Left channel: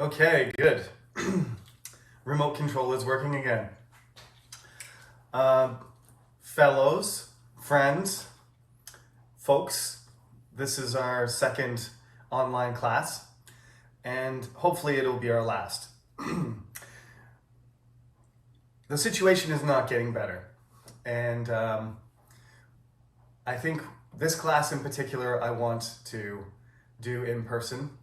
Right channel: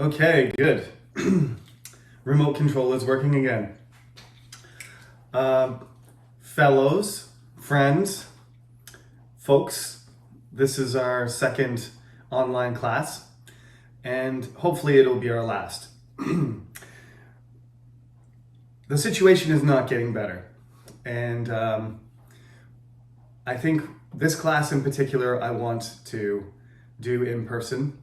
Okay, good. Remote control is working again. Fellows, friends, folks, this is our second online class, and hopefully it'll be our last. The situation is not getting better, and I think this class in particular I want to do in person.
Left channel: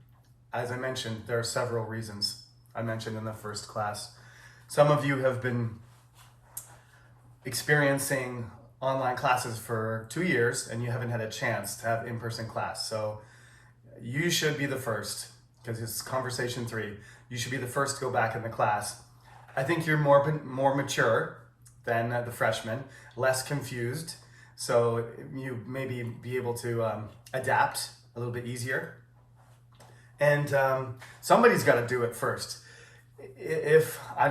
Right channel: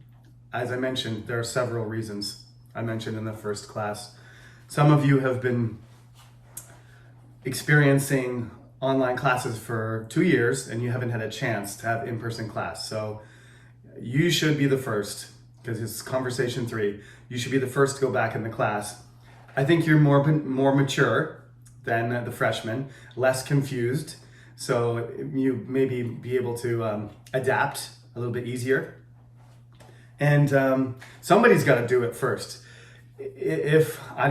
As I mentioned, there are several reasons I mentioned in the first class. Some of you have been experiencing online classes for 2 years and you haven't had a chance to have in-person class. So you should be the first, because it's conversation 3. You should be the first to go back in the class. I think you're more mature than the freshmen, less confused. So you maybe be able to adapt a little bit easier. And somebody's got to do it first. If I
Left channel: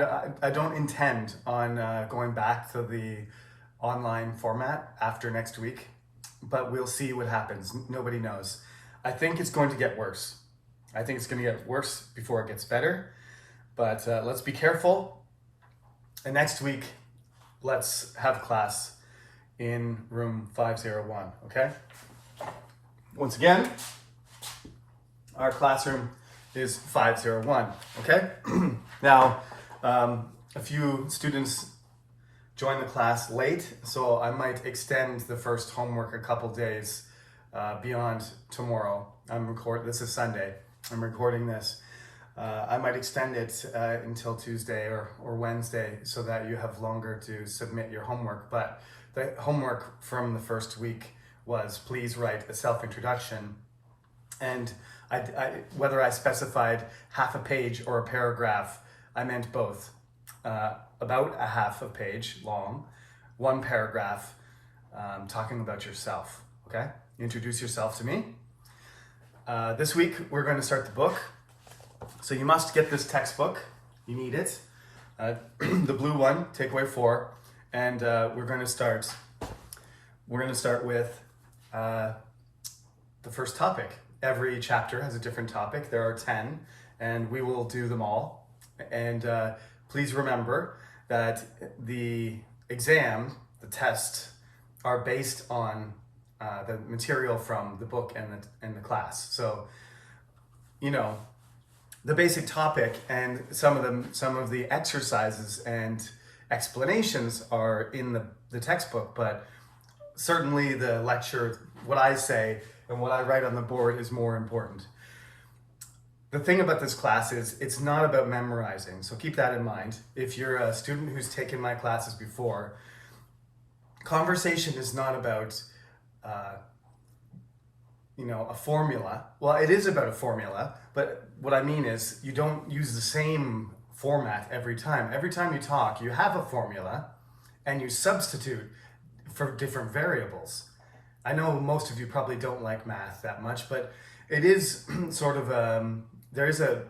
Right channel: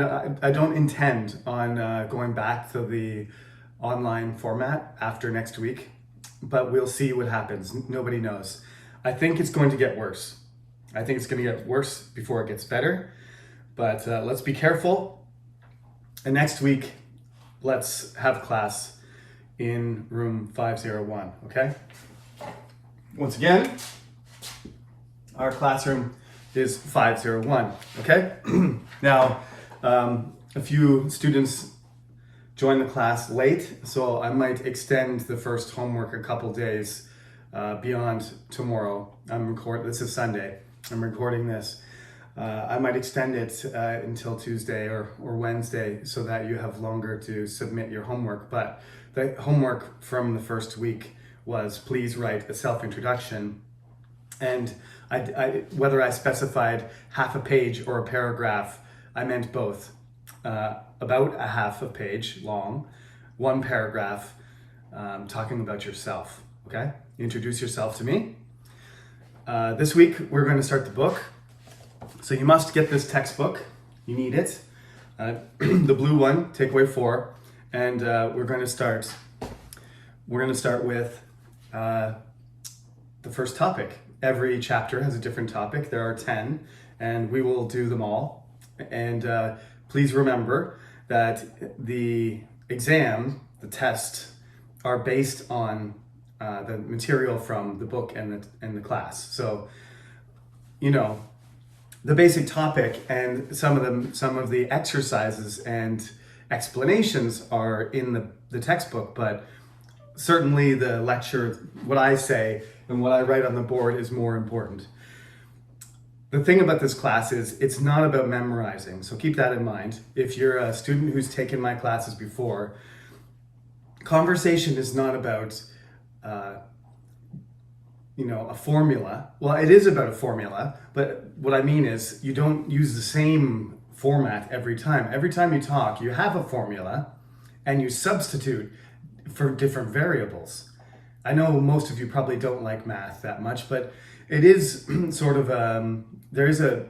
don't intend on going back to the online format after next week, but we'll see what happens. Nobody knows. I think it's going to get worse. I think it's going to get worse before it gets better. But let's be careful. And next week, let's have class in room 501. Okay. Once again, our classroom is 501, okay? Now, a few students joined the class late, so I might extend the first homework a couple days beyond tomorrow. This is Sunday, I'm recording this. I might extend it until Tuesday or Wednesday so that you have longer to submit your homework. But the homework from the first week was please write a self-introduction. And whether I specified half a page or a paragraph, I meant both. About a half a page long, one paragraph talking about yourself, okay? Introduce yourself to me. This week, we're going to start the book. So you must get this textbook. You need it. The blue one, takeaway 4. And we're going to start with the first topic. Every chapter has a different topic. There are 10, and we will do them all. And please remember that the exam, the test, are based on the material from the book and the class. So, you know, the basic topic and some of the exercises and explanations are in the textbook, but certainly the lecture, what I say and what I write on the board is more important. The thing about this class is it's not about memorizing, so keep that in mind. If you're a student who's taken my classes before, conversation is not about a formula. Well, it is about a formula, but what I mean is you don't use the same format every time. Every time you talk, you have a formula and you substitute for different variables. I know most of you probably don't like math that much, but it is sort of there is a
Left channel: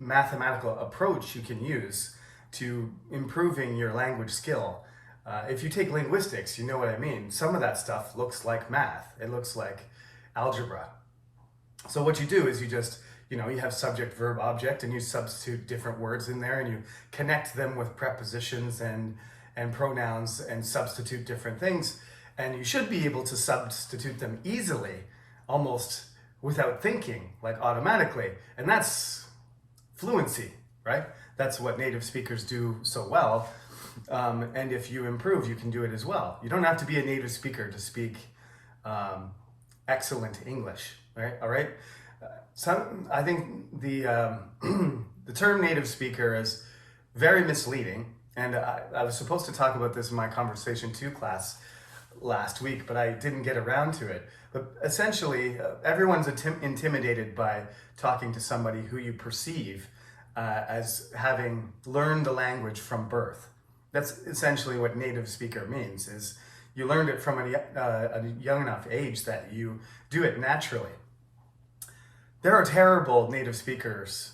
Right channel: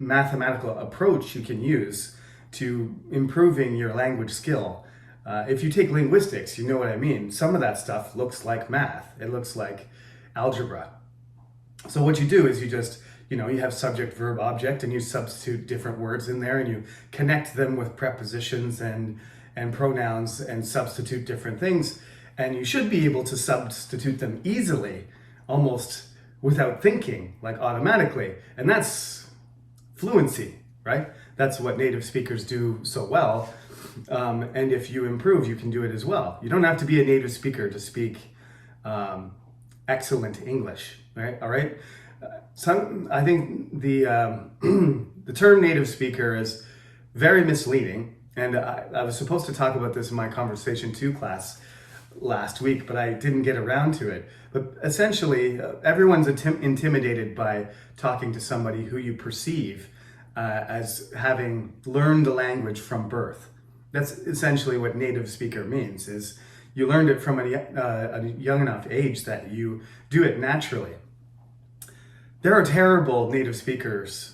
mathematical approach you can use to improving your language skill. If you take linguistics, you know what I mean. Some of that stuff looks like math. It looks like algebra. So what you do is you have subject, verb, object, and you substitute different words in there and you connect them with prepositions and pronouns and substitute different things. And you should be able to substitute them easily, almost without thinking, like automatically. And that's fluency, right? That's what native speakers do so well. And if you improve, you can do it as well. You don't have to be a native speaker to speak excellent English, right? All right. I think the the term native speaker is very misleading. And I was supposed to talk about this in my Conversation 2 class last week, but I didn't get around to it. But essentially, everyone's intimidated by talking to somebody who you perceive as having learned the language from birth. That's essentially what native speaker means, is you learned it from a young enough age that you do it naturally. There are terrible native speakers,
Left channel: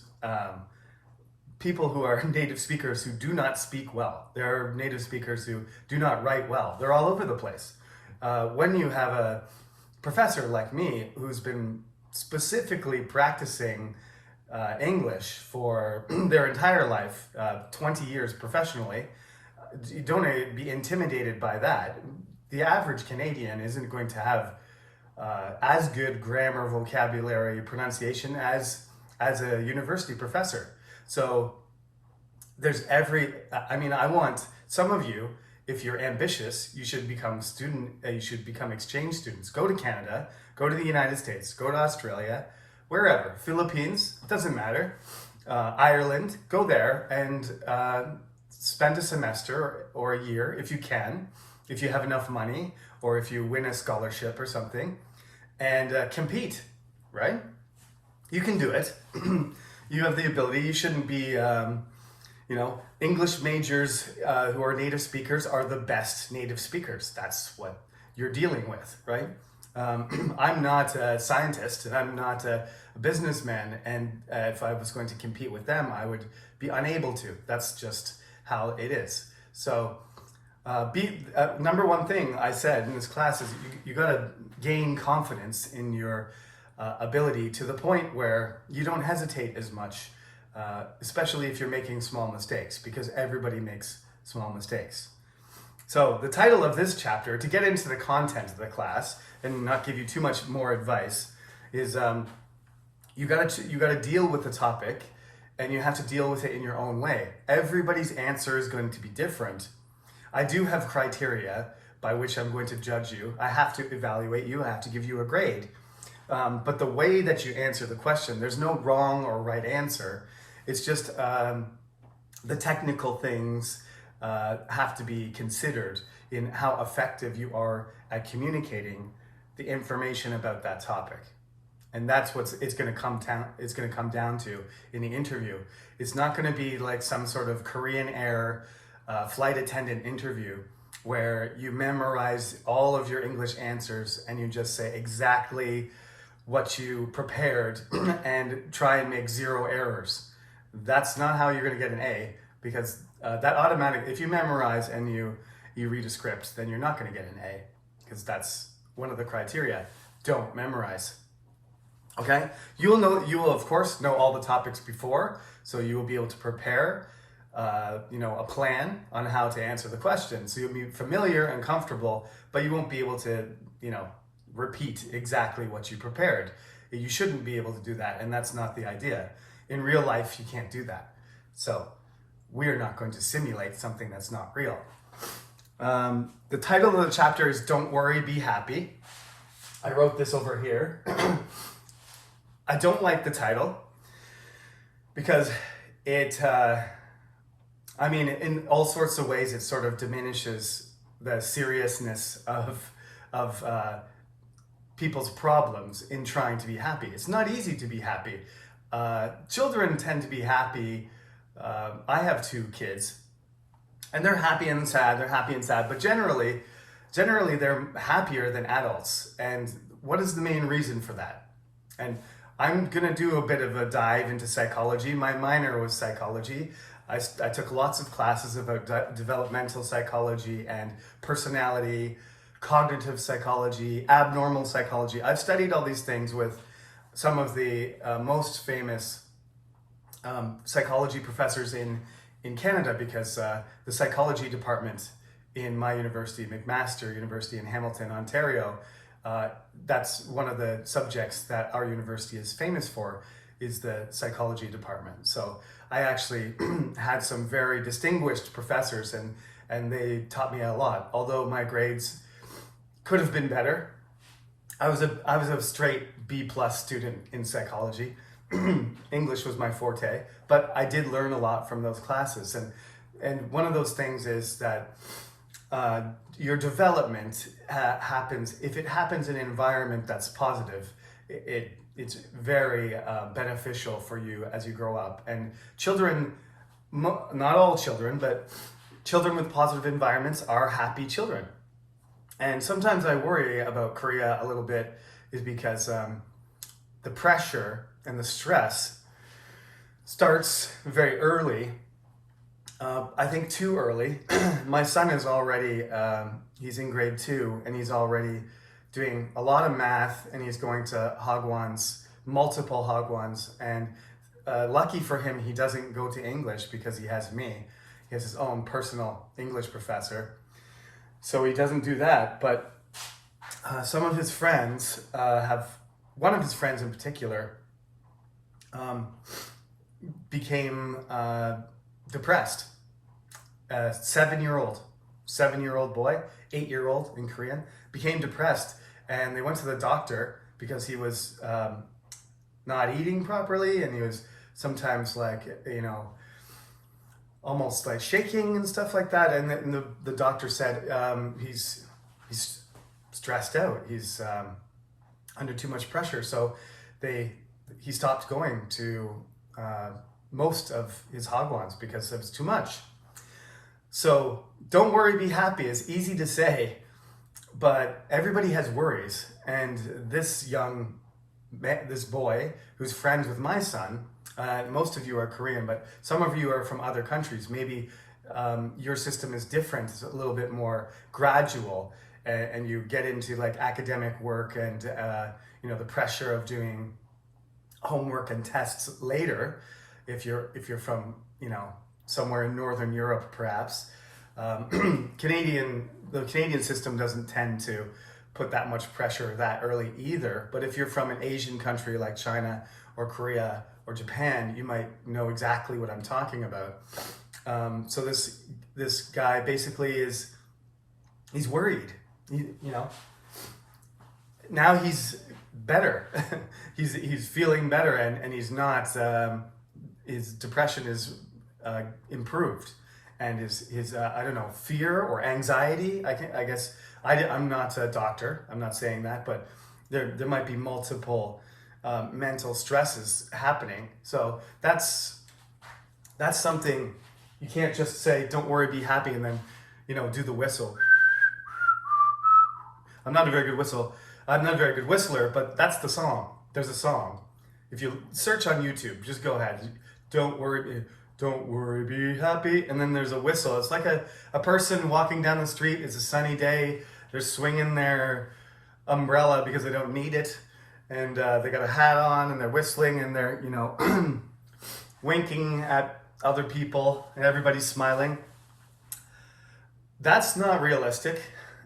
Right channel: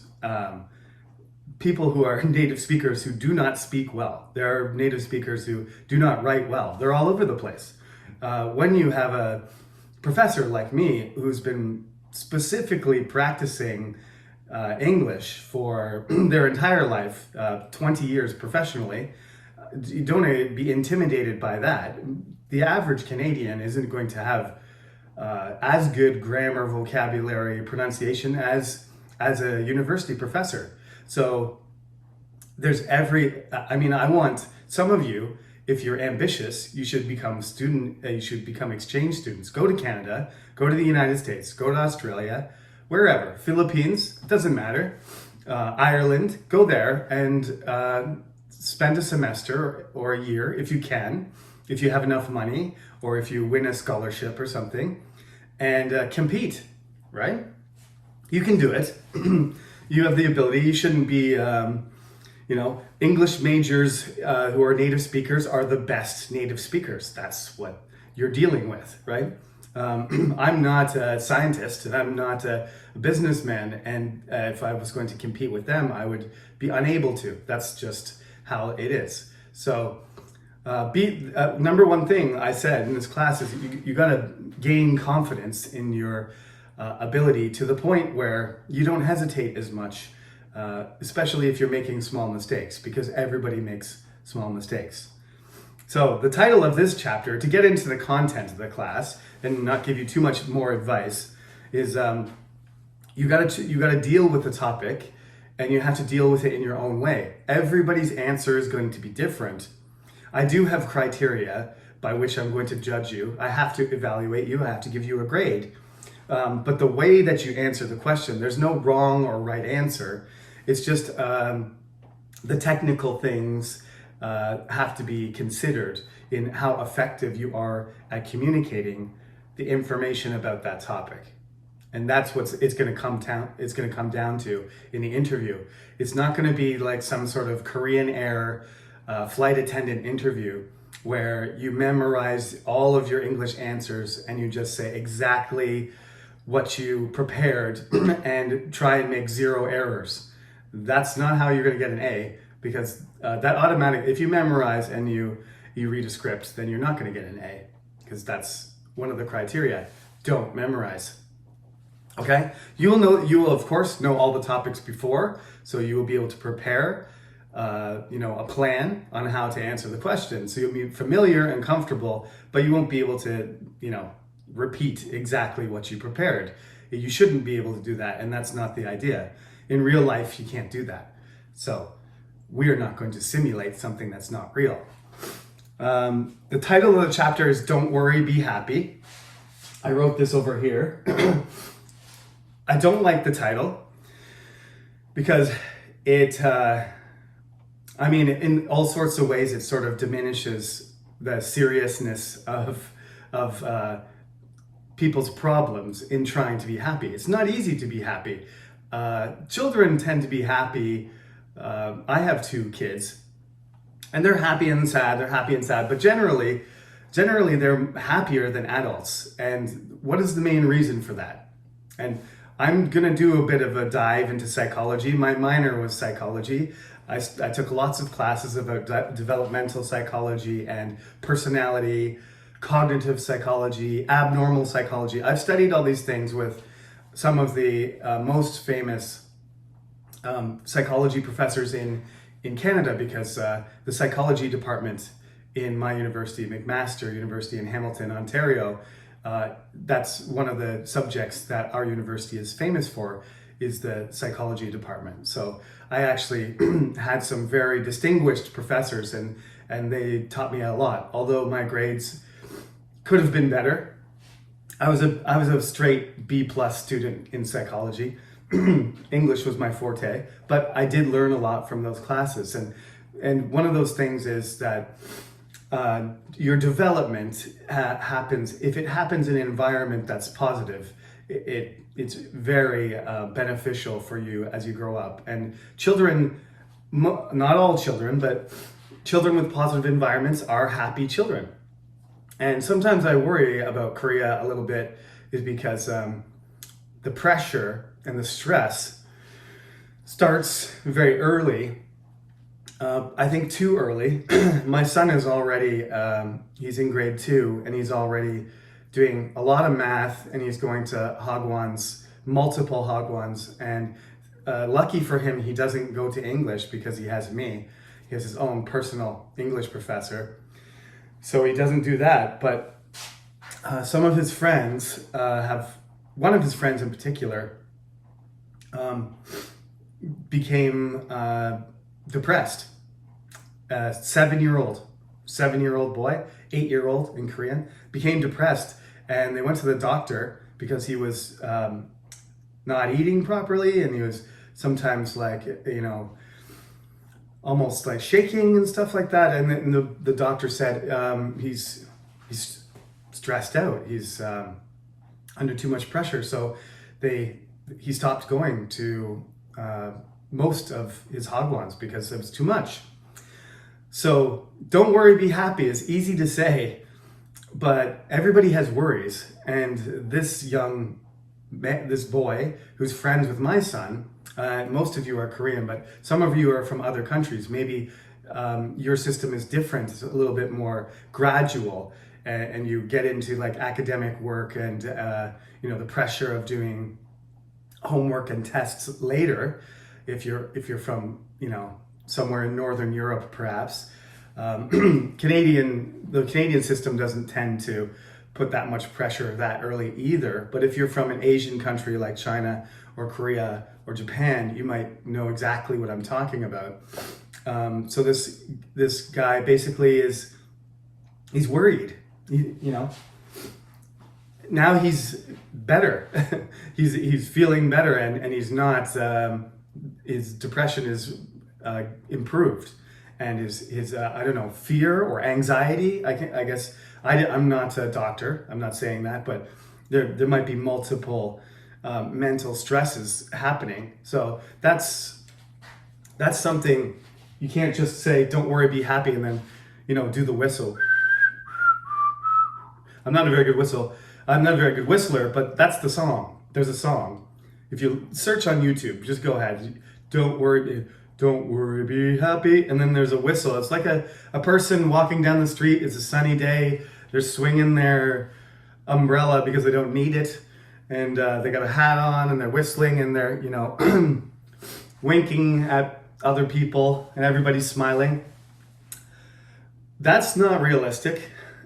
people who are native speakers who do not speak well. There are native speakers who do not write well. They're all over the place. When you have a professor like me who's been specifically practicing English for their entire life, 20 years professionally, you don't be intimidated by that. The average Canadian isn't going to have as good grammar, vocabulary, pronunciation as a university professor. So I want some of you, if you're ambitious, you should become exchange students. Go to Canada, go to the United States, go to Australia, wherever, Philippines, doesn't matter, Ireland, go there and spend a semester or a year if you can, if you have enough money, or if you win a scholarship or something, and compete, right? You can do it. You have the ability. You shouldn't be, English majors who are native speakers are the best native speakers. That's what you're dealing with, right? I'm not a scientist and I'm not a businessman, and if I was going to compete with them, I would be unable to. That's just how it is. So number one thing I said in this class is you got to gain confidence in your ability to the point where you don't hesitate as much, especially if you're making small mistakes, because everybody makes small mistakes. So the title of this chapter, to get into the content of the class and not give you too much more advice, is you got to deal with the topic, and you have to deal with it in your own way. Everybody's answer is going to be different. I do have criteria by which I'm going to judge you. I have to evaluate you. I have to give you a grade. But the way that you answer the question, there's no wrong or right answer. It's just the technical things have to be considered in how effective you are at communicating the information about that topic. And that's what it's going to come down to in the interview. It's not going to be like some sort of Korean Air flight attendant interview where you memorize all of your English answers and you just say exactly what you prepared and try and make zero errors. That's not how you're going to get an A, because if you memorize and you read a script, then you're not going to get an A, because that's one of the criteria. Don't memorize. Okay? You will of course know all the topics before, so you will be able to prepare a plan on how to answer the question. So you'll be familiar and comfortable, but you won't be able to, repeat exactly what you prepared. You shouldn't be able to do that, and that's not the idea. In real life, you can't do that. So we're not going to simulate something that's not real. The title of the chapter is Don't Worry, Be Happy. I wrote this over here. I don't like the title because it, in all sorts of ways, it sort of diminishes the seriousness of people's problems in trying to be happy. It's not easy to be happy. Children tend to be happy. I have 2 kids, and they're happy and sad. But generally they're happier than adults. And what is the main reason for that? And I'm gonna do a bit of a dive into psychology. My minor was psychology. I took lots of classes about developmental psychology and personality, cognitive psychology, abnormal psychology. I've studied all these things with some of the most famous psychology professors in Canada, because the psychology department in my university, McMaster University in Hamilton, Ontario, that's one of the subjects that our university is famous for, is the psychology department. So I actually had some very distinguished professors, and they taught me a lot. Although my grades could have been better, I was a straight B+ student in psychology. English was my forte, but I did learn a lot from those classes. And one of those things is that your development happens, if it happens in an environment that's positive, it's very beneficial for you as you grow up. And children, not all children, but children with positive environments are happy children. And sometimes I worry about Korea a little bit, is because the pressure and the stress starts very early. I think too early. My son is already, he's in grade 2, and he's already doing a lot of math, and he's going to Hagwons, multiple Hagwons, and lucky for him, he doesn't go to English because he has me. He has his own personal English professor. So he doesn't do that. But some of his friends one of his friends in particular became depressed. 7-year-old boy, 8-year-old in Korean, became depressed, and they went to the doctor because he was not eating properly, and he was sometimes like, almost like shaking and stuff like that. And then the doctor said he's stressed out. He's under too much pressure. So he stopped going to most of his hagwons because it was too much. So don't worry, be happy is easy to say, but everybody has worries. And this boy who's friends with my son, most of you are Korean, but some of you are from other countries. Maybe your system is different. It's a little bit more gradual, and you get into like academic work and the pressure of doing homework and tests later. If you're from somewhere in Northern Europe, perhaps. The Canadian system doesn't tend to put that much pressure that early either. But if you're from an Asian country like China or Korea or Japan, you might know exactly what I'm talking about. So this guy basically he's worried. Now he's better. he's feeling better, and he's not. His depression is improved, and his I don't know, fear or anxiety. I guess I'm not a doctor. I'm not saying that, but there might be multiple mental stresses happening. So that's something you can't just say, "Don't worry, be happy," and then do the whistle. I'm not a very good whistler, but that's the song. There's a song. If you search on YouTube, just go ahead. Don't worry, be happy. And then there's a whistle. It's like a person walking down the street. It's a sunny day. They're swinging their umbrella because they don't need it. And they got a hat on, and they're whistling, and they're, winking at other people, and everybody's smiling. That's not realistic.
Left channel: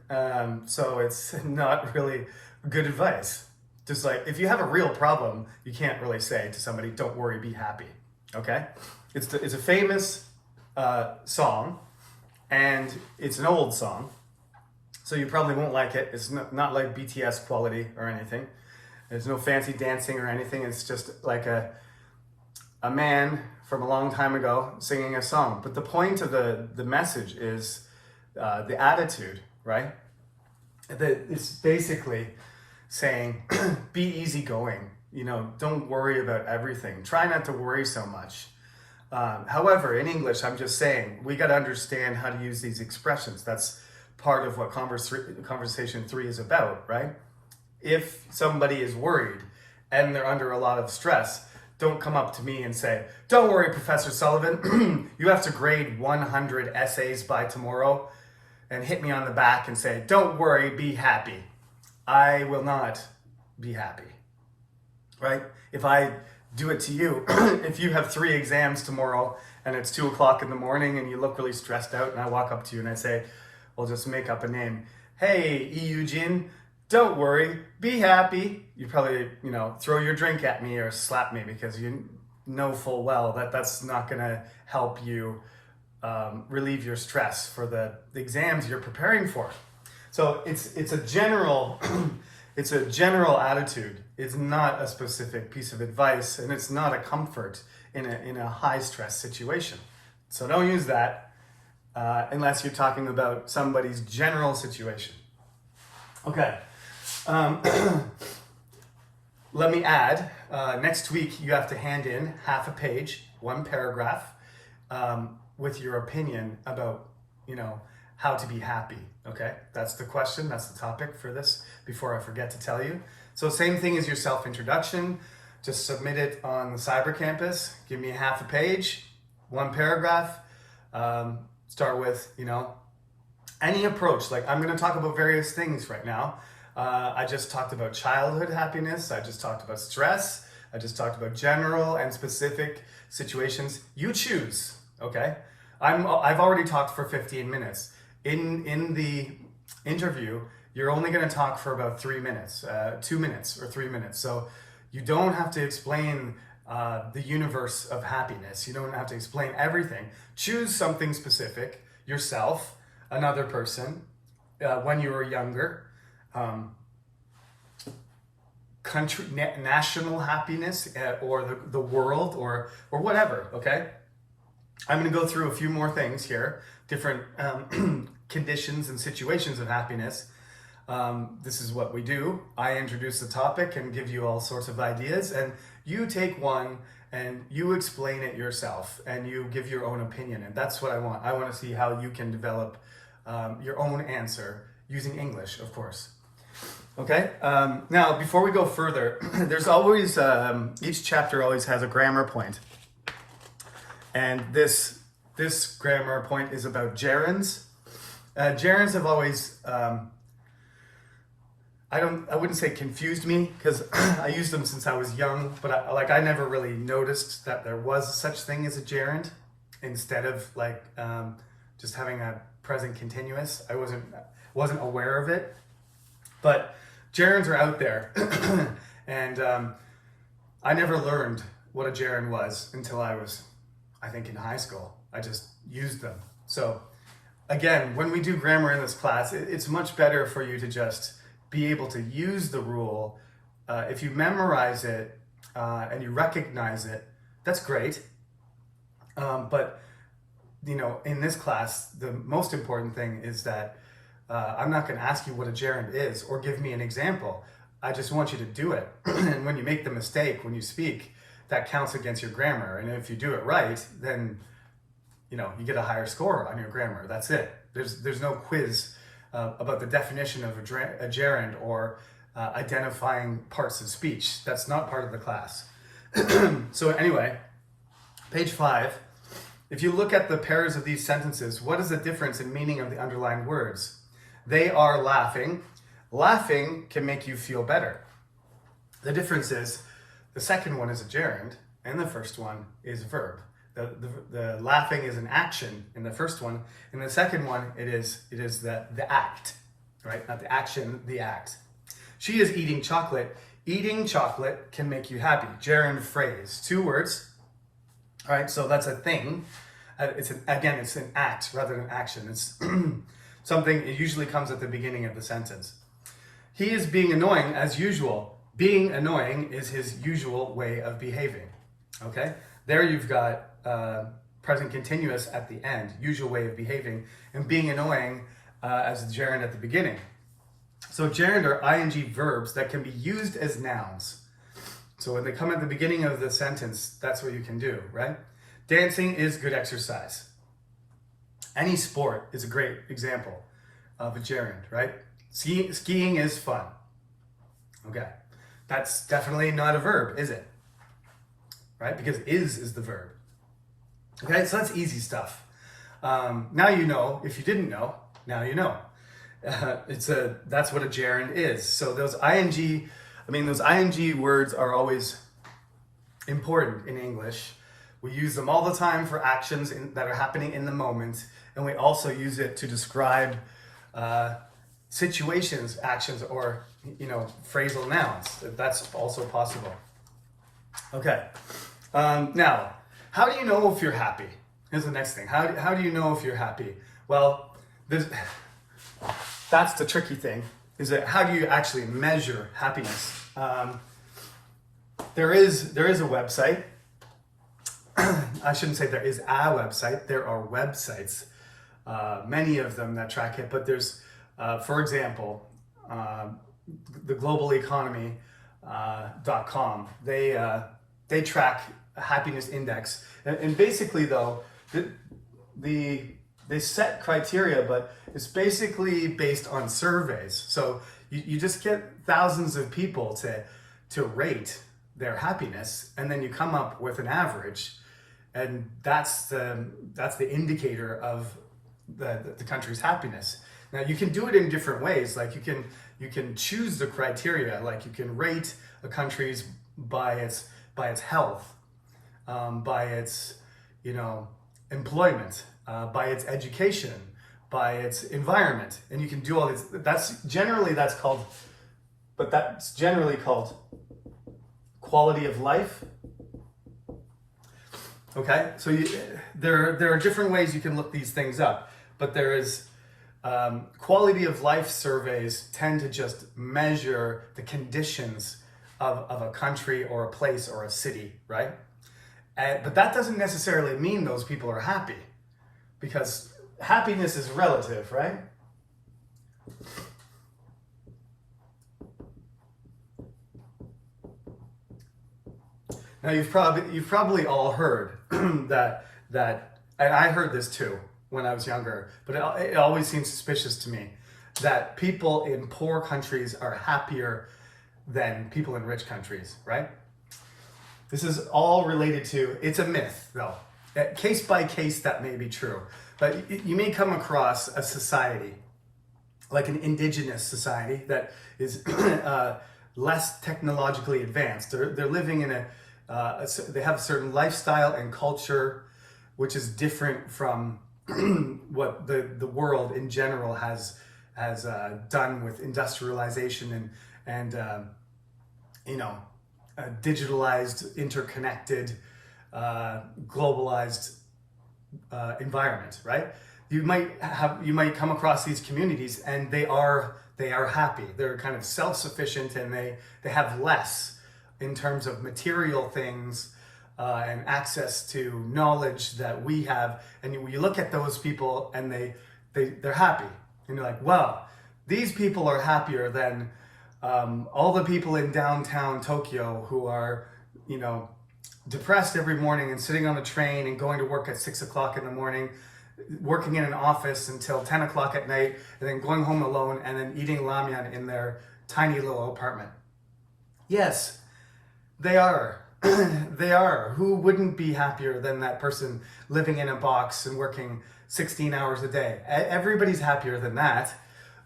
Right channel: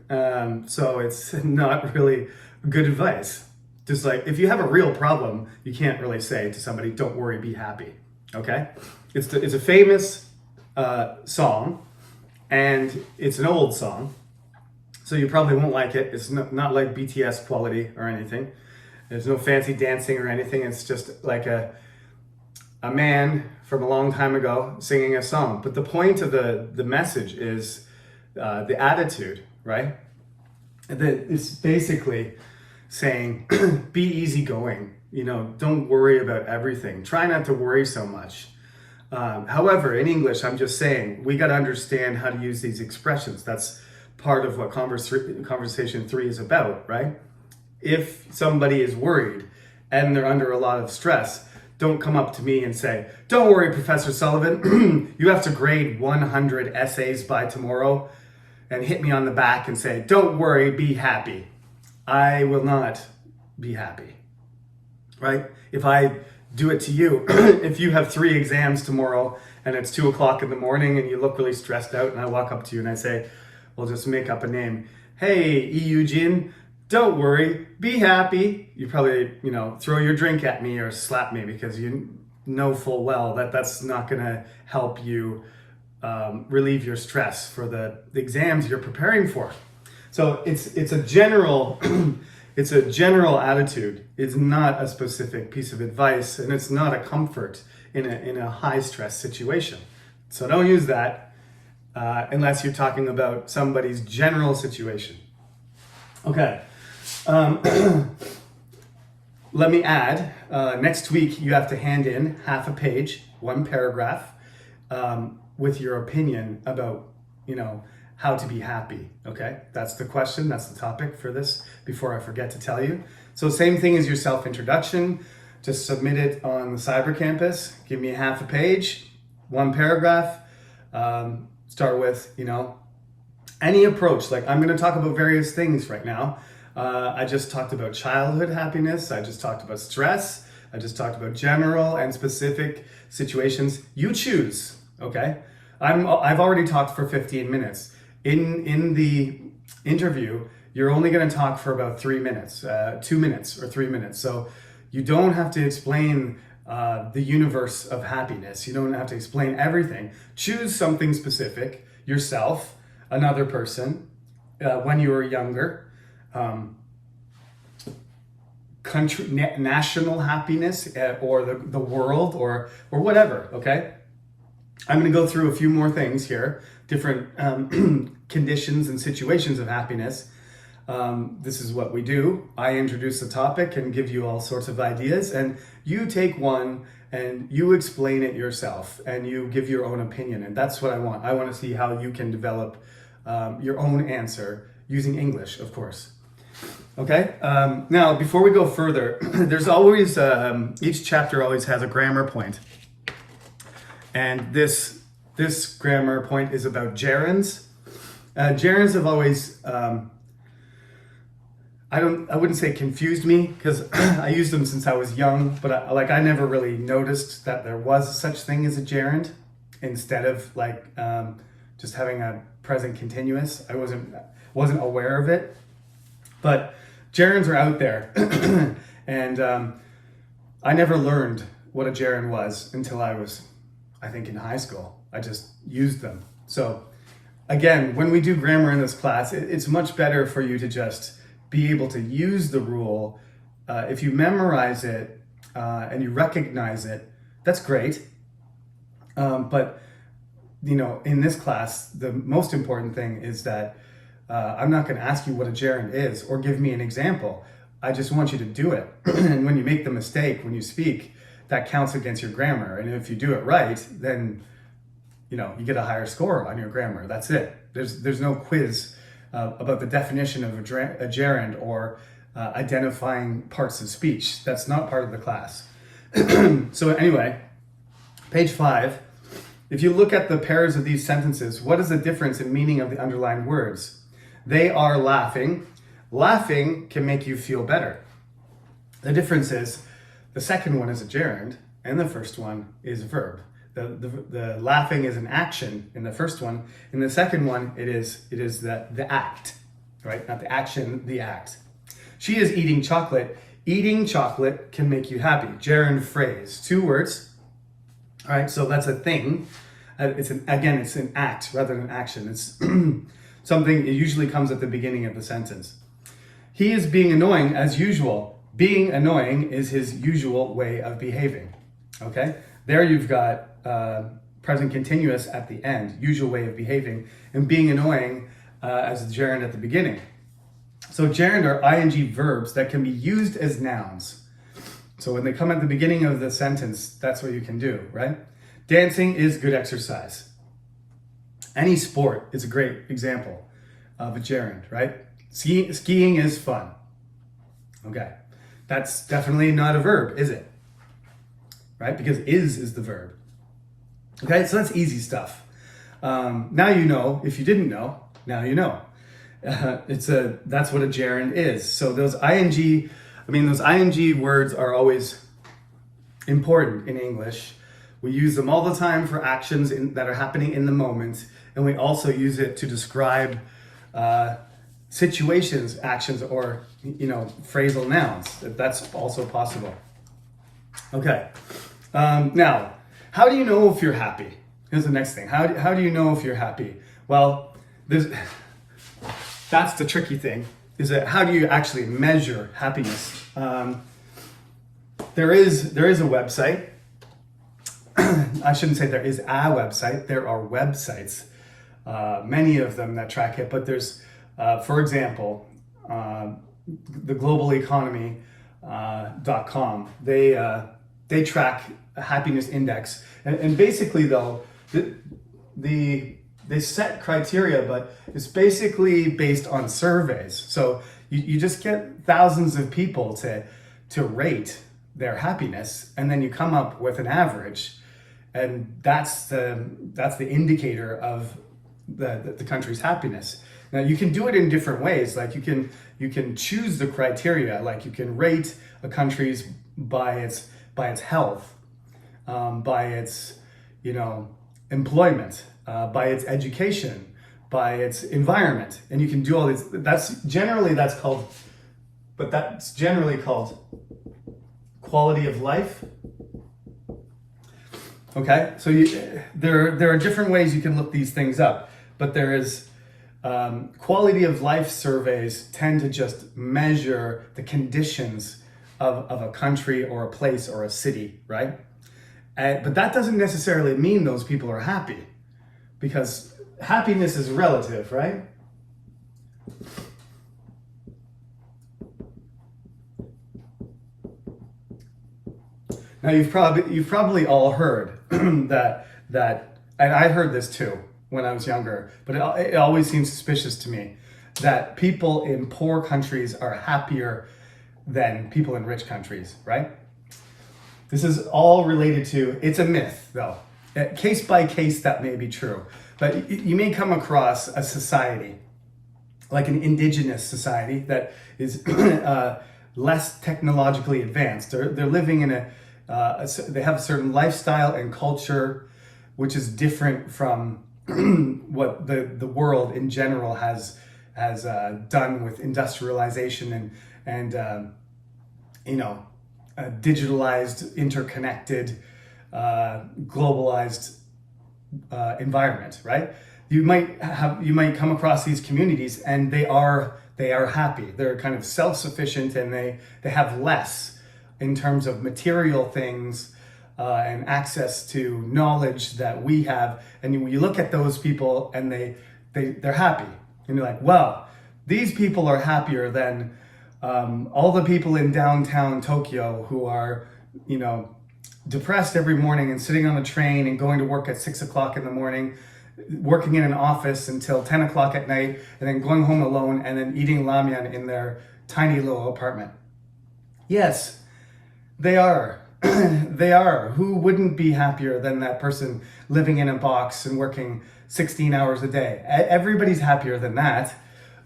So it's not really good advice. Just like, if you have a real problem, you can't really say to somebody, "Don't worry, be happy." Okay? It's a famous song, and it's an old song, so you probably won't like it. It's not like BTS quality or anything. There's no fancy dancing or anything. It's just like a man from a long time ago singing a song. But the point of the message is the attitude, right? It's basically saying, be easygoing. Don't worry about everything. Try not to worry so much. However, in English, I'm just saying, we got to understand how to use these expressions. That's part of what conversation 3 is about, right? If somebody is worried and they're under a lot of stress, don't come up to me and say, "Don't worry, Professor Sullivan, you have to grade 100 essays by tomorrow," and hit me on the back and say, "Don't worry, be happy." I will not be happy, right? If I do it to you, if you have 3 exams tomorrow and it's 2:00 in the morning and you look really stressed out, and I walk up to you and I say, we'll just make up a name. "Hey, Eugene, don't worry, be happy." You probably, throw your drink at me or slap me because you know full well that that's not gonna help you relieve your stress for the exams you're preparing for. So it's a general it's a general attitude. It's not a specific piece of advice, and it's not a comfort in a high stress situation. So don't use that unless you're talking about somebody's general situation. Okay. Let me add, next week you have to hand in half a page, 1 paragraph, with your opinion about, how to be happy, okay? That's the question, that's the topic for this, before I forget to tell you. So same thing as your self-introduction, just submit it on the Cyber Campus, give me half a page, 1 paragraph, start with, any approach. Like, I'm gonna talk about various things right now. I just talked about childhood happiness, I just talked about stress, I just talked about general and specific situations. You choose, okay? I've already talked for 15 minutes. In the interview, you're only going to talk for about 3 minutes, 2 minutes or 3 minutes. So you don't have to explain the universe of happiness. You don't have to explain everything. Choose something specific, yourself, another person, when you were younger, national happiness, or the world, or whatever, okay? I'm going to go through a few more things here, different conditions and situations of happiness. This is what we do. I introduce the topic and give you all sorts of ideas, and you take one and you explain it yourself and you give your own opinion. And that's what I want. I want to see how you can develop your own answer using English, of course. Okay, now before we go further, there's always, each chapter always has a grammar point. And this grammar point is about gerunds. Gerunds have always, I wouldn't say confused me, because I used them since I was young, but I never really noticed that there was such thing as a gerund instead of just having a present continuous. I wasn't aware of it, but gerunds are out there, and I never learned what a gerund was until I was, I think, in high school. I just used them. So again, when we do grammar in this class, it's much better for you to just be able to use the rule. If you memorize it and you recognize it, that's great. But in this class, the most important thing is that I'm not going to ask you what a gerund is or give me an example. I just want you to do it. And when you make the mistake, when you speak, that counts against your grammar. And if you do it right, then you get a higher score on your grammar. That's it. There's no quiz about the definition of a gerund or identifying parts of speech. That's not part of the class. So anyway, page 5. If you look at the pairs of these sentences, what is the difference in meaning of the underlined words? They are laughing. Laughing can make you feel better. The difference is the second one is a gerund and the first one is a verb. The laughing is an action in the first one. In the second one, it is the act, right? Not the action, the act. She is eating chocolate. Eating chocolate can make you happy. Gerund phrase, 2 words. All right, so that's a thing. It's an act rather than action. It's something. It usually comes at the beginning of the sentence. He is being annoying as usual. Being annoying is his usual way of behaving. Okay, there you've got present continuous at the end, usual way of behaving, and being annoying as a gerund at the beginning. So gerund are ing verbs that can be used as nouns. So when they come at the beginning of the sentence, that's what you can do, right? Dancing is good exercise. Any sport is a great example of a gerund, right? Skiing is fun. Okay, that's definitely not a verb, is it? Right, because is the verb. Okay, so that's easy stuff. Now you know. If you didn't know, now you know. That's what a gerund is. So those ing words are always important in English. We use them all the time for actions that are happening in the moment, and we also use it to describe situations, actions, or phrasal nouns. That's also possible. Okay. Now, how do you know if you're happy? Here's the next thing. How do you know if you're happy? Well, that's the tricky thing, is that how do you actually measure happiness? There is a website. I shouldn't say there is a website. There are websites, many of them that track it. But there's, for example, the globaleconomy.com. They track a happiness index, and basically though, they set criteria, but it's basically based on surveys. So you just get thousands of people to rate their happiness, and then you come up with an average, and that's the indicator of the country's happiness. Now you can do it in different ways. Like you can choose the criteria. Like you can rate a country's by its by its health, by its, employment, by its education, by its environment. And you can do all these, that's generally called quality of life. Okay, so there are different ways you can look these things up, but there is quality of life surveys tend to just measure the conditions of a country or a place or a city, right? But that doesn't necessarily mean those people are happy, because happiness is relative, right? Now you've probably all heard that, and I heard this too when I was younger, but it always seems suspicious to me that people in poor countries are happier than people in rich countries, right? This is all related to, it's a myth though. Case by case that may be true, but you may come across a society, like an indigenous society that is less technologically advanced. They're living in they have a certain lifestyle and culture which is different from what the world in general has done with industrialization and digitalized, interconnected, globalized environment, right? You might come across these communities and they are happy. They're kind of self-sufficient and they have less in terms of material things and access to knowledge that we have. And you look at those people and they're happy. And you're like, wow, these people are happier than all the people in downtown Tokyo who are, depressed every morning and sitting on the train and going to work at 6 o'clock in the morning, working in an office until 10 o'clock at night, and then going home alone and then eating ramyun in their tiny little apartment. Yes, they are. They are. Who wouldn't be happier than that person living in a box and working 16 hours a day? Everybody's happier than that.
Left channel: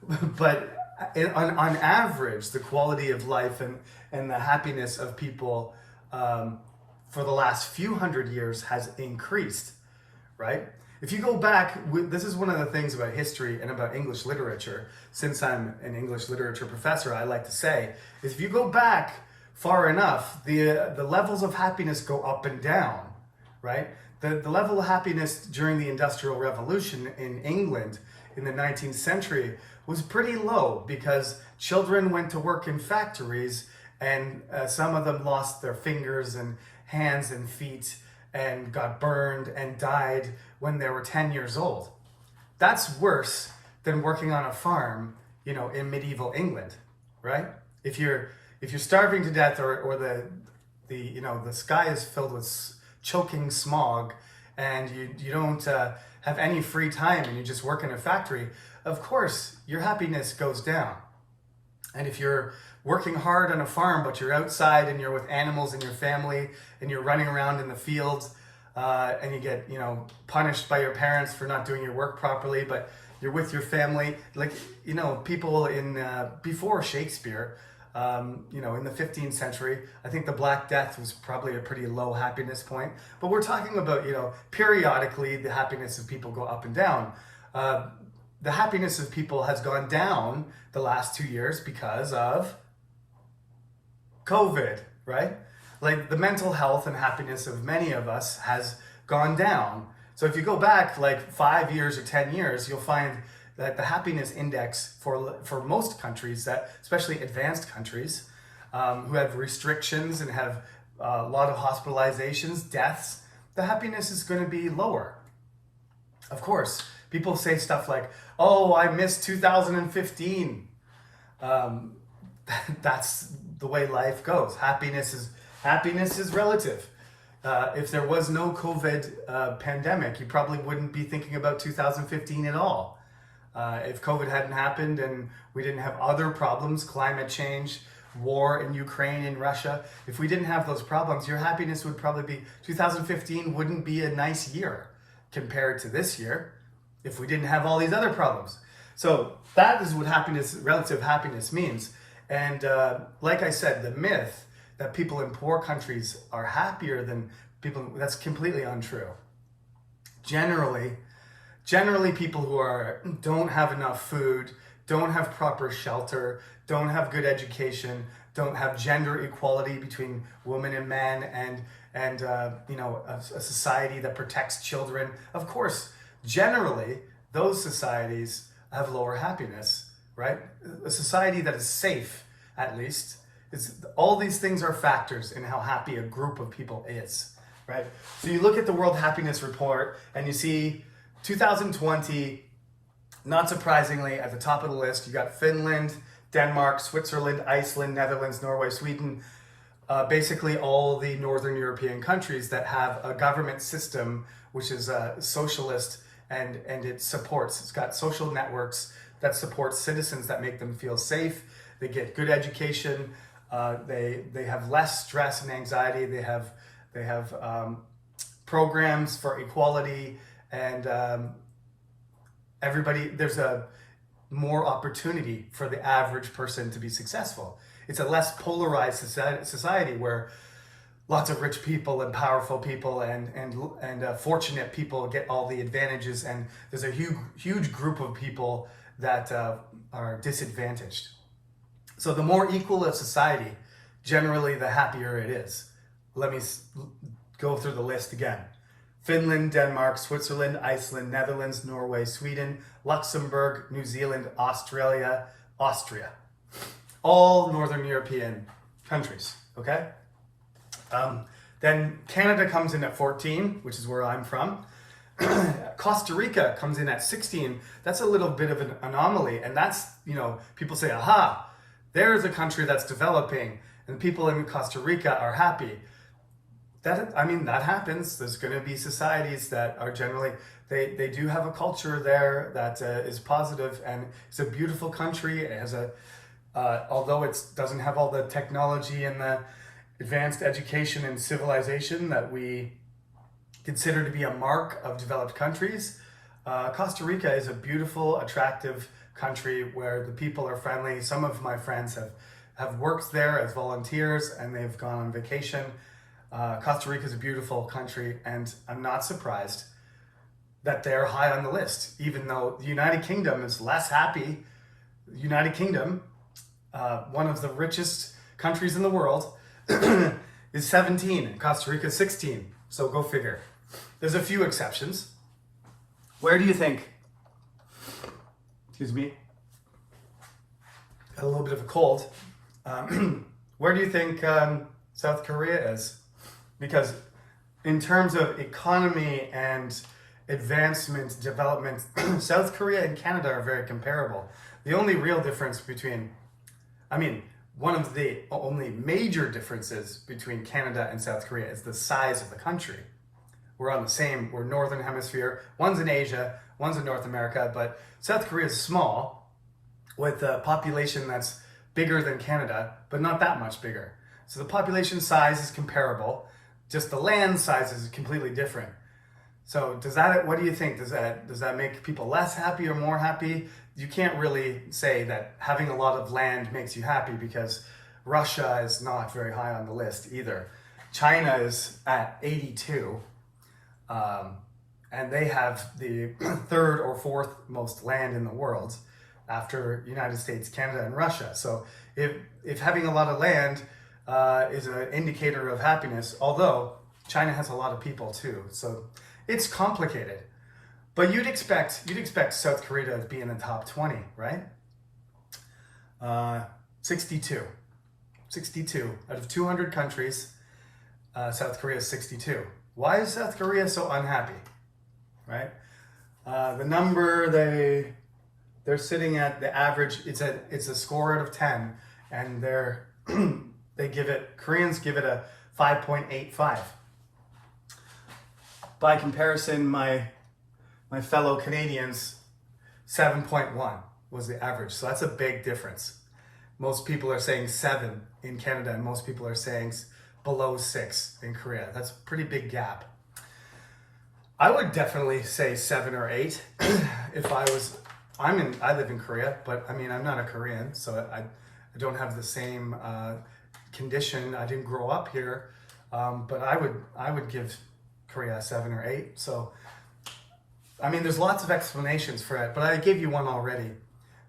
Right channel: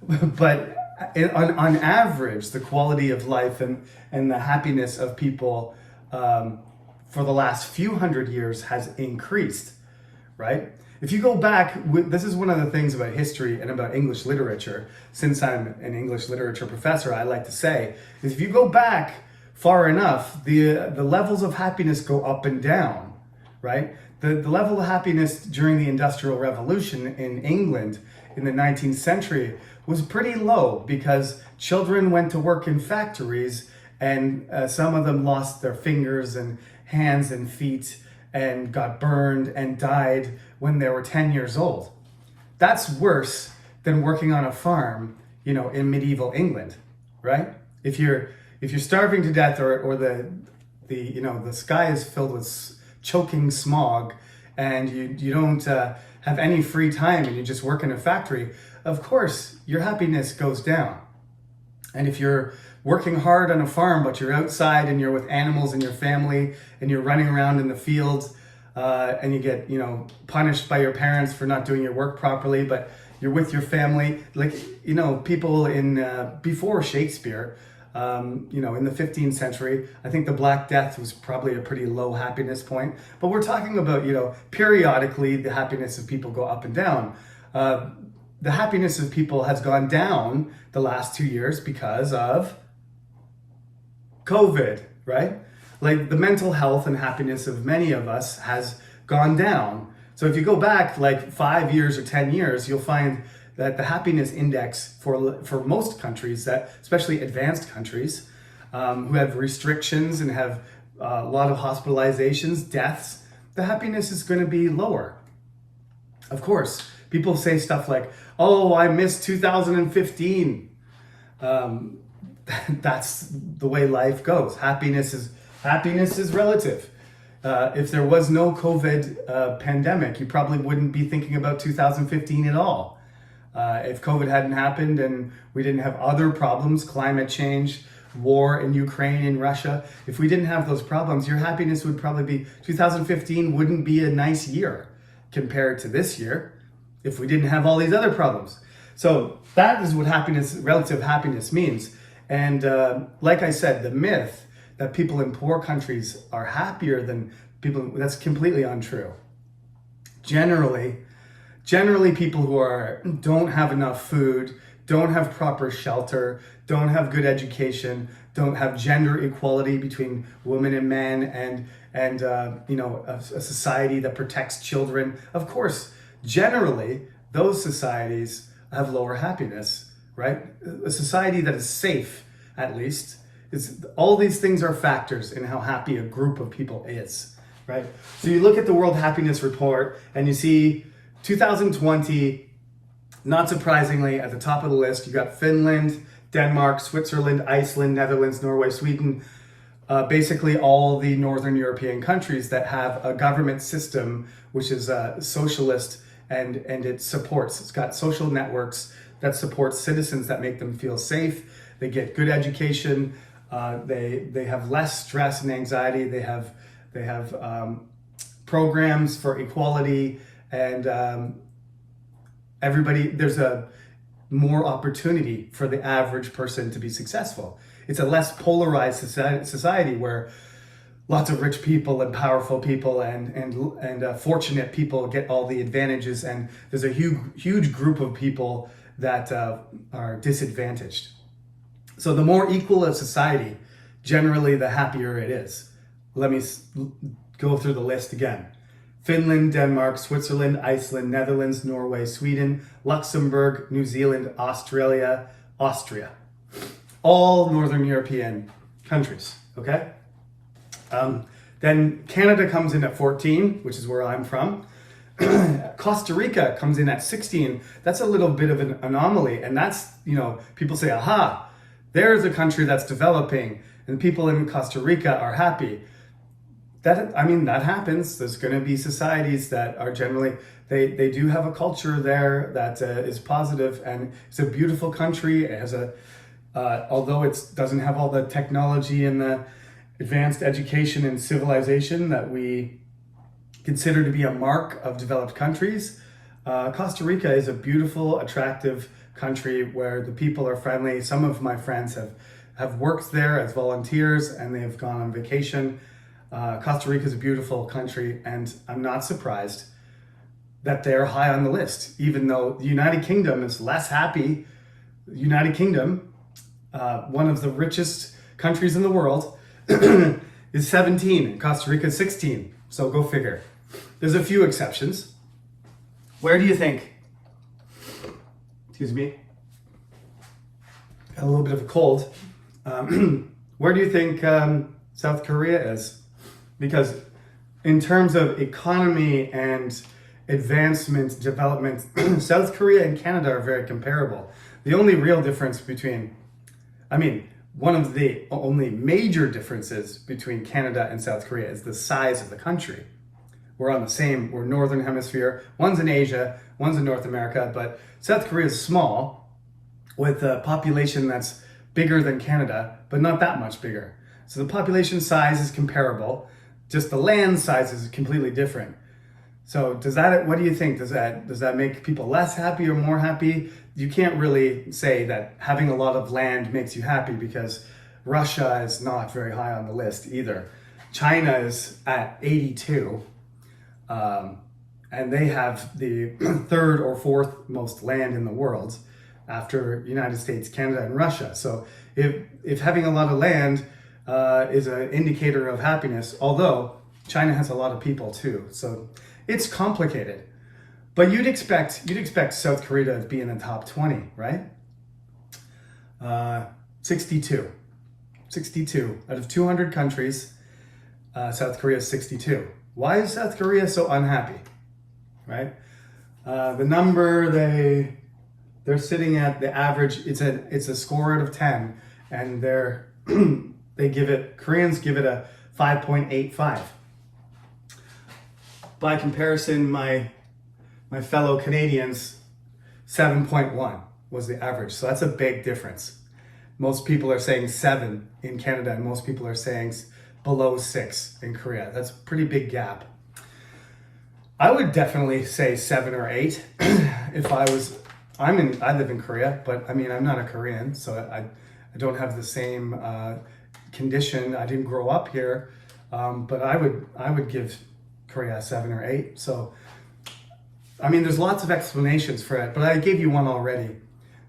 But on average, the quality of life and the happiness of people for the last few hundred years has increased, right? If you go back, this is one of the things about history and about English literature, since I'm an English literature professor, I like to say, is if you go back far enough, the levels of happiness go up and down, right? The level of happiness during the Industrial Revolution in England in the 19th century was pretty low because children went to work in factories and some of them lost their fingers and hands and feet and got burned and died when they were 10 years old. That's worse than working on a farm, in medieval England, right? If you're starving to death or the sky is filled with choking smog and you don't have any free time and you just work in a factory, of course your happiness goes down. And if you're working hard on a farm but you're outside and you're with animals and your family and you're running around in the fields and you get punished by your parents for not doing your work properly, but you're with your family, people in before Shakespeare, in the 15th century, I think the Black Death was probably a pretty low happiness point. But we're talking about, periodically the happiness of people go up and down. The happiness of people has gone down the last 2 years because of COVID, right? Like the mental health and happiness of many of us has gone down. So if you go back like 5 years or 10 years, you'll find that the happiness index for most countries, that especially advanced countries who have restrictions and have a lot of hospitalizations, deaths, the happiness is going to be lower. Of course, people say stuff like, "Oh, I miss 2015." That's the way life goes. Happiness is relative. If there was no COVID pandemic, you probably wouldn't be thinking about 2015 at all. If COVID hadn't happened and we didn't have other problems, climate change, war in Ukraine and Russia, if we didn't have those problems, your happiness would probably be 2015 wouldn't be a nice year compared to this year if we didn't have all these other problems. So that is what relative happiness means. And like I said, the myth that people in poor countries are happier than people. That's completely untrue. Generally people who don't have enough food, don't have proper shelter, don't have good education, don't have gender equality between women and men, and a society that protects children. Of course, generally those societies have lower happiness, right? A society that is safe, at least, is all these things are factors in how happy a group of people is, right? So you look at the World Happiness Report and you see 2020, not surprisingly, at the top of the list, you got Finland, Denmark, Switzerland, Iceland, Netherlands, Norway, Sweden, basically all the Northern European countries that have a government system which is socialist, and it's got social networks that support citizens, that make them feel safe. They get good education. They have less stress and anxiety. They have programs for equality, and there's a more opportunity for the average person to be successful. It's a less polarized society where lots of rich people and powerful people and fortunate people get all the advantages, and there's a huge group of people that are disadvantaged. So the more equal a society, generally the happier it is. Let me go through the list again. Finland, Denmark, Switzerland, Iceland, Netherlands, Norway, Sweden, Luxembourg, New Zealand, Australia, Austria. All Northern European countries, okay? Then Canada comes in at 14, which is where I'm from. Costa Rica comes in at 16. That's a little bit of an anomaly. And that's, people say, aha, there's a country that's developing and people in Costa Rica are happy. That happens. There's going to be societies that are generally, they do have a culture there that is positive, and it's a beautiful country. It has although it doesn't have all the technology and the advanced education and civilization that we consider to be a mark of developed countries, Costa Rica is a beautiful, attractive country where the people are friendly. Some of my friends have worked there as volunteers and they've gone on vacation. Costa Rica is a beautiful country, and I'm not surprised that they're high on the list, even though the United Kingdom is less happy. The United Kingdom, one of the richest countries in the world, is 17, and Costa Rica is 16. So go figure. There's a few exceptions. Where do you think? Excuse me. Got a little bit of a cold. Where do you think South Korea is? Because in terms of economy and advancement, development, South Korea and Canada are very comparable. The only real difference one of the only major differences between Canada and South Korea is the size of the country. We're Northern Hemisphere. One's in Asia, one's in North America, but South Korea is small with a population that's bigger than Canada, but not that much bigger. So the population size is comparable, just the land size is completely different. So what do you think? Does that make people less happy or more happy? You can't really say that having a lot of land makes you happy, because Russia is not very high on the list either. China is at 82, and they have the third or fourth most land in the world after United States, Canada, and Russia. So if having a lot of land is an indicator of happiness, although China has a lot of people too. So it's complicated. But you'd expect South Korea to be in the top 20, right? 62 out of 200 countries. South Korea is 62. Why is South Korea so unhappy, right? The number they're sitting at, the average, it's a score out of 10, and Koreans give it a 5.85. By comparison, my fellow Canadians, 7.1 was the average. So that's a big difference. Most people are saying 7 in Canada, and most people are saying below 6 in Korea. That's a pretty big gap. I would definitely say 7 or 8 if I live in Korea, but I'm not a Korean, so I don't have the same condition. I didn't grow up here, but I would give Korea a 7 or 8. So, I mean, there's lots of explanations for it, but I gave you one already.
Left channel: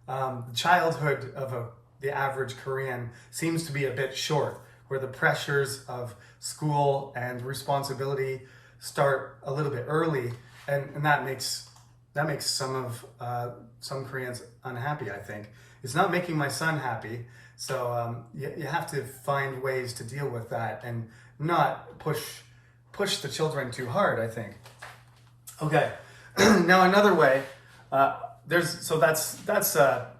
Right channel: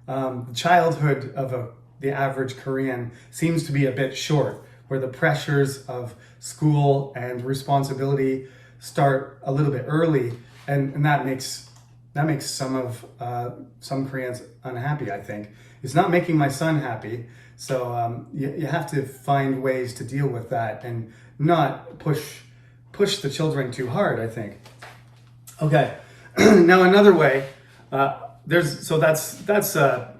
The childhood of the average Korean seems to be a bit short, where the pressures of school and responsibility start a little bit early, and that makes some Koreans unhappy. I think it's not making my son happy. So you have to find ways to deal with that and not push the children too hard, I think. Okay, now another way, that's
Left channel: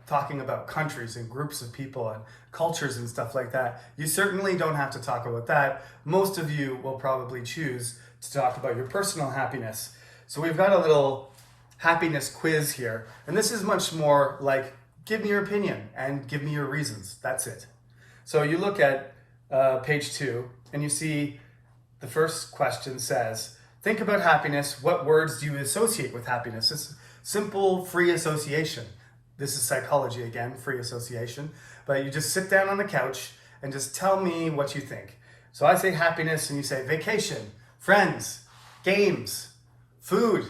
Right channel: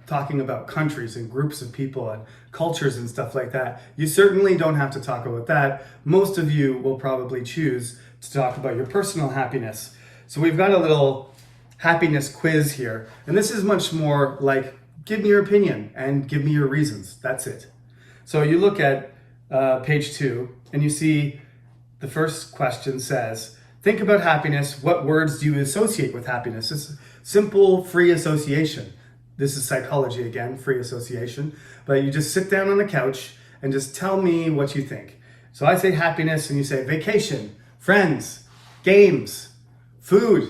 talking about countries and groups of people and cultures and stuff like that. You certainly don't have to talk about that. Most of you will probably choose to talk about your personal happiness. So we've got a little happiness quiz here, and this is much more like, give me your opinion and give me your reasons. That's it. So you look at page 2 and you see the first question says, think about happiness. What words do you associate with happiness? It's simple, free association. This is psychology again, free association. But you just sit down on the couch and just tell me what you think. So I say happiness and you say vacation, friends, games, food,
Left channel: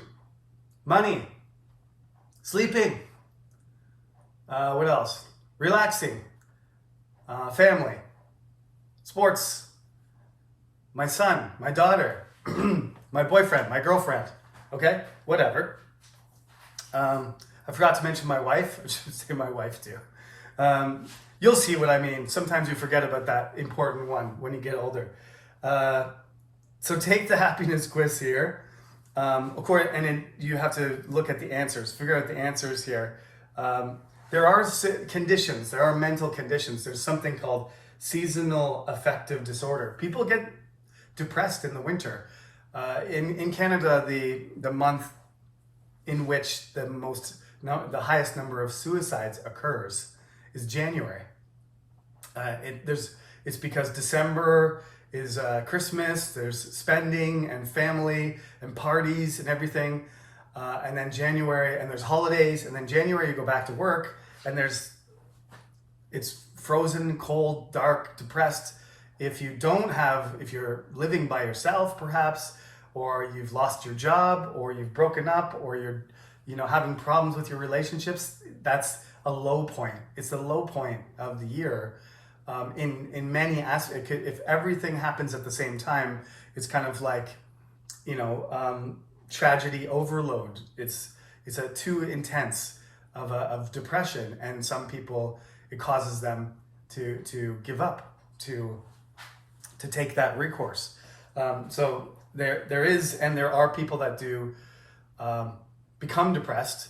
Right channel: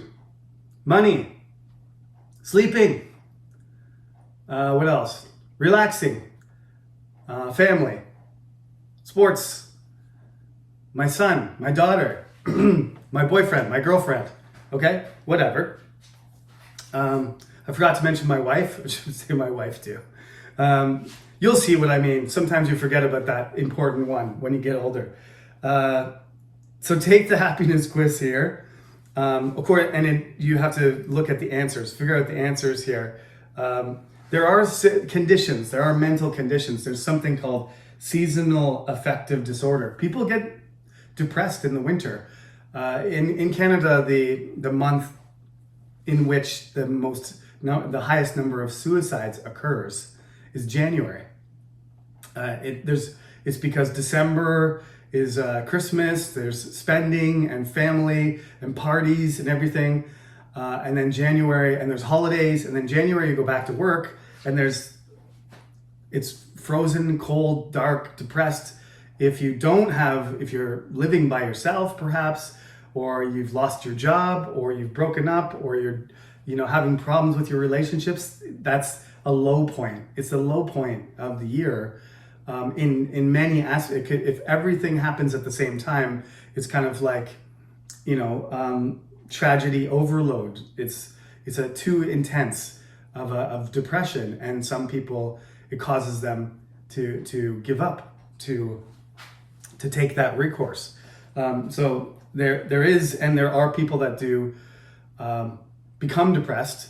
money, sleeping. What else? Relaxing, family, sports, my son, my daughter, my boyfriend, my girlfriend, okay? Whatever. I forgot to mention my wife. I should say my wife too. You'll see what I mean. Sometimes you forget about that important one when you get older. So take the happiness quiz here. Of course, you have to look at the answers, figure out the answers here. There are conditions, there are mental conditions. There's something called seasonal affective disorder. People get depressed in the winter. In Canada, the month in which the highest number of suicides occurs is January. It's because December is Christmas, there's spending and family and parties and everything. And then January, and there's holidays, and then January you go back to work, and it's frozen, cold, dark, depressed. If you're living by yourself perhaps, or you've lost your job, or you've broken up, or you're having problems with your relationships, that's a low point. It's the low point of the year. In many aspects, if everything happens at the same time, it's kind of like, tragedy overload. It's a too intense of depression, and some people, it causes them to give up, to take that recourse. So there are people that do become depressed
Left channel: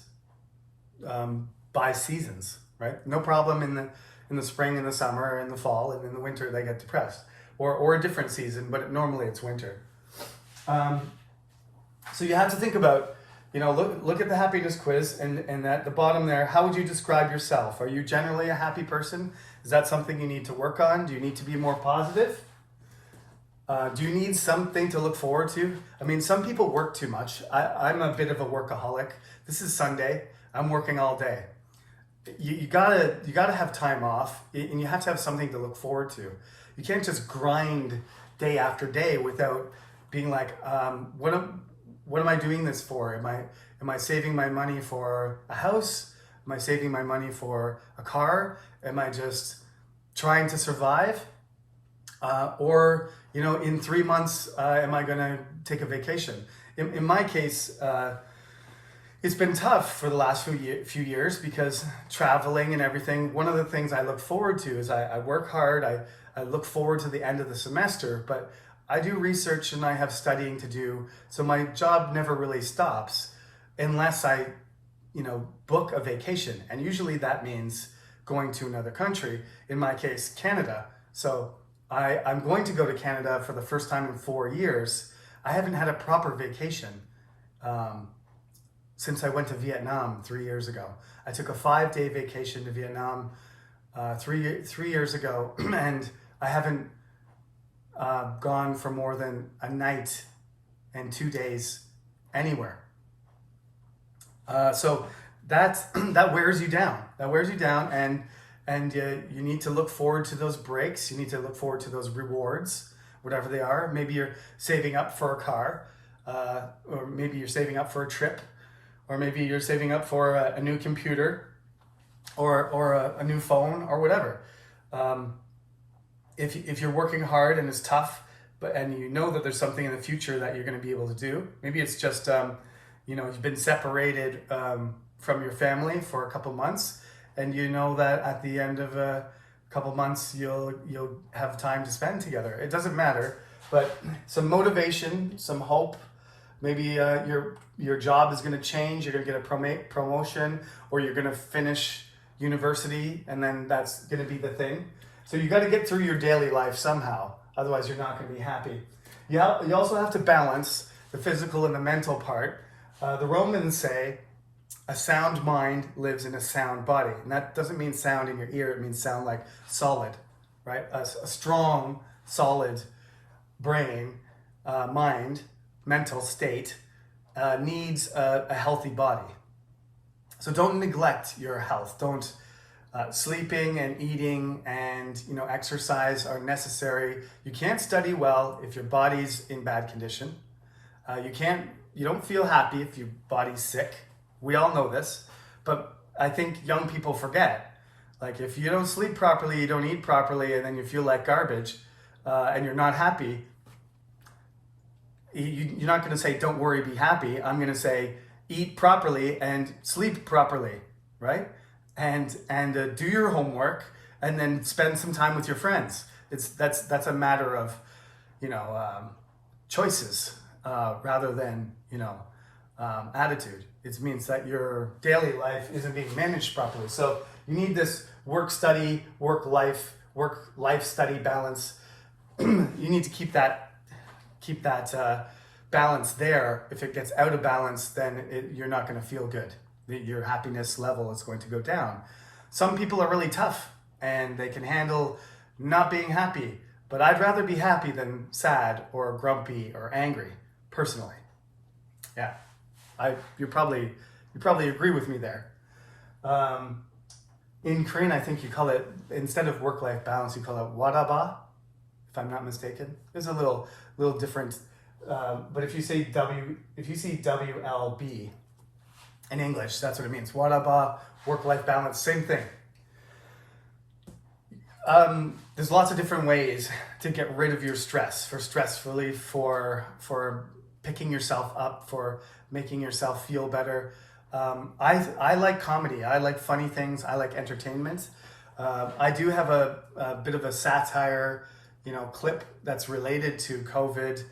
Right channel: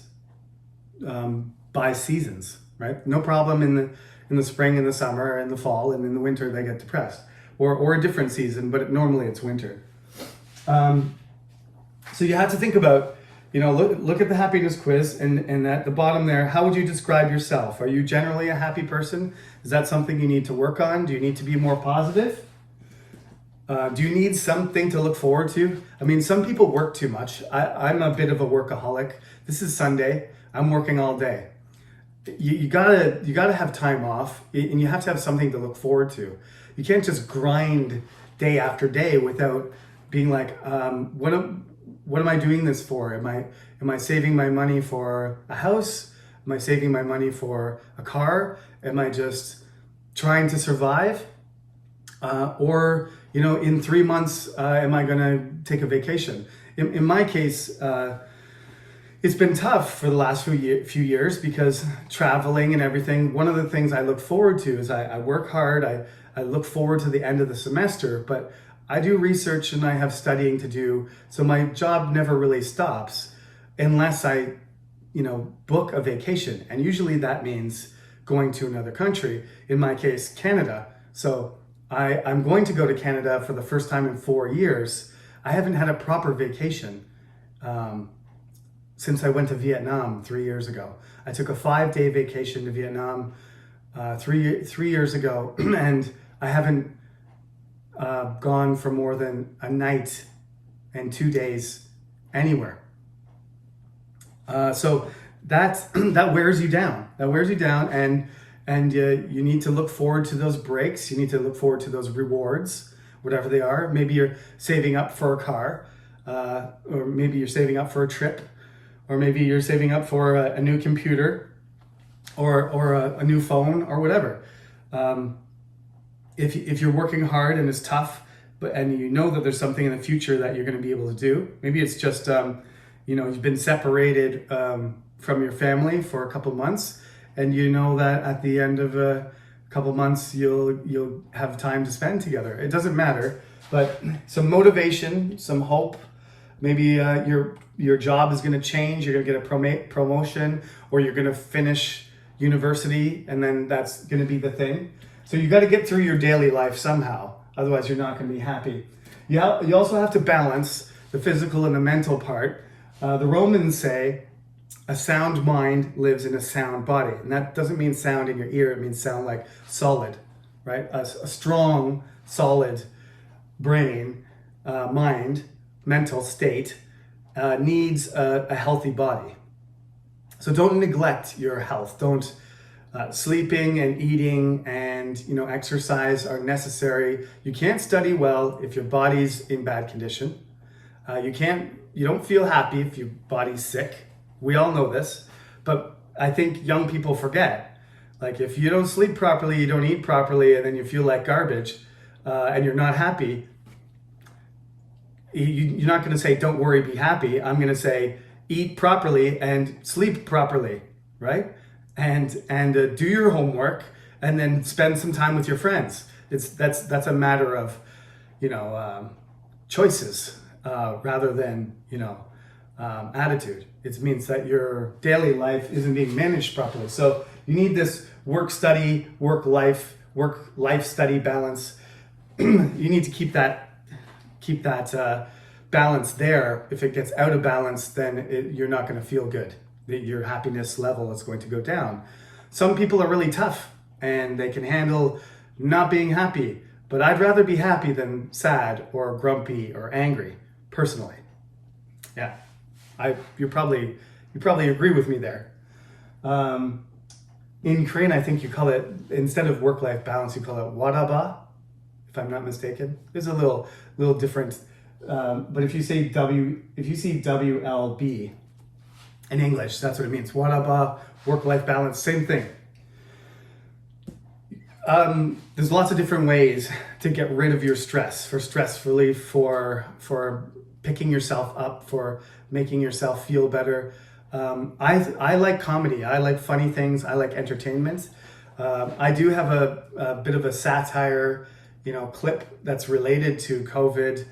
by seasons, right? No problem in the spring, in the summer, in the fall, and in the winter they get depressed, or a different season, but normally it's winter. So you have to think about, look at the happiness quiz, and at the bottom there, how would you describe yourself? Are you generally a happy person? Is that something you need to work on? Do you need to be more positive? Do you need something to look forward to? I mean, some people work too much. I'm a bit of a workaholic. This is Sunday. I'm working all day. You gotta have time off, and you have to have something to look forward to. You can't just grind day after day without being like, what am I doing this for? Am I saving my money for a house? Am I saving my money for a car? Am I just trying to survive? Or in 3 months, am I gonna take a vacation? In my case, it's been tough for the last few years because traveling and everything. One of the things I look forward to is I work hard. I look forward to the end of the semester, but I do research and I have studying to do. So my job never really stops unless I, book a vacation. And usually that means going to another country, in my case, Canada. So I'm going to go to Canada for the first time in 4 years. I haven't had a proper vacation since I went to Vietnam 3 years ago. I took a 5-day vacation to Vietnam 3 years ago, and I haven't gone for more than a night and 2 days anywhere. So that wears you down. That wears you down, and And you need to look forward to those breaks. You need to look forward to those rewards, whatever they are. Maybe you're saving up for a car, or maybe you're saving up for a trip, or maybe you're saving up for a new computer, or a new phone, or whatever. If you're working hard and it's tough, and you know that there's something in the future that you're going to be able to do, maybe it's just you've been separated from your family for a couple months, and you know that at the end of a couple months you'll have time to spend together. It doesn't matter, but some motivation, some hope. Maybe your job is going to change. You're going to get a promotion, or you're going to finish university, and then that's going to be the thing. So you got to get through your daily life somehow. Otherwise, you're not going to be happy. You also have to balance the physical and the mental part. The Romans say a sound mind lives in a sound body. And that doesn't mean sound in your ear. It means sound like solid, right? A strong, solid brain, mind, mental state needs a healthy body. So don't neglect your health. Don't sleeping and eating and exercise are necessary. You can't study well if your body's in bad condition. You don't feel happy if your body's sick. We all know this, but I think young people forget. Like, if you don't sleep properly, you don't eat properly, and then you feel like garbage, and you're not happy, you're not going to say, don't worry, be happy. I'm going to say, eat properly and sleep properly, right? And do your homework, and then spend some time with your friends. That's a matter of, choices rather than, attitude. It means that your daily life isn't being managed properly. So you need this work-life study balance. You need to keep that balance there. If it gets out of balance, then you're not going to feel good. Your happiness level is going to go down. Some people are really tough and they can handle not being happy, but I'd rather be happy than sad or grumpy or angry, personally. Yeah, you probably agree with me there. In Korean, I think you call it, instead of work-life balance, you call it waraba, if I'm not mistaken. It's a little different, but if you see WLB in English, that's what it means. Waraba, work-life balance, same thing. There's lots of different ways to get rid of your stress, for stress relief, for picking yourself up, for making yourself feel better. I like comedy. I like funny things. I like entertainment. I do have a bit of a satire, clip that's related to COVID.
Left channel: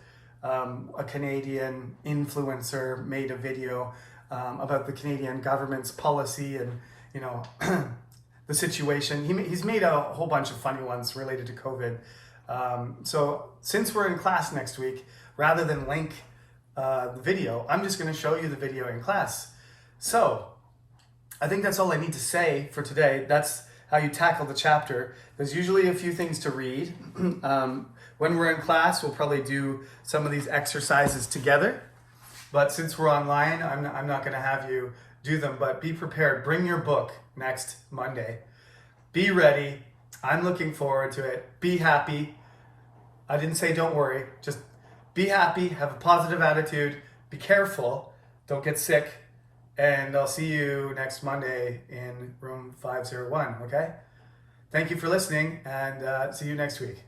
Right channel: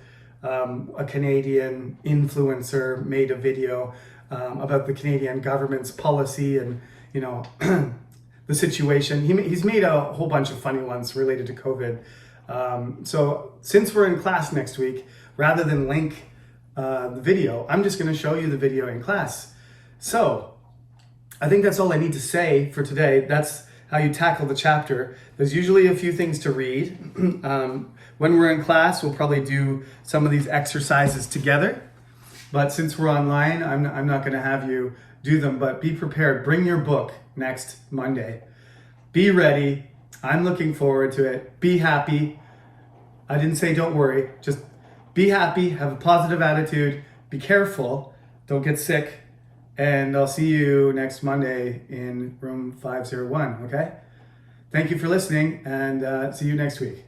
A Canadian influencer made a video about the Canadian government's policy and, the situation. He's made a whole bunch of funny ones related to COVID. So since we're in class next week, rather than link the video, I'm just going to show you the video in class. So I think that's all I need to say for today. That's how you tackle the chapter. There's usually a few things to read. When we're in class, we'll probably do some of these exercises together. But since we're online, I'm not going to have you do them. But be prepared. Bring your book next Monday. Be ready. I'm looking forward to it. Be happy. I didn't say don't worry. Just be happy. Have a positive attitude. Be careful. Don't get sick. And I'll see you next Monday in room 501, okay? Thank you for listening, and see you next week.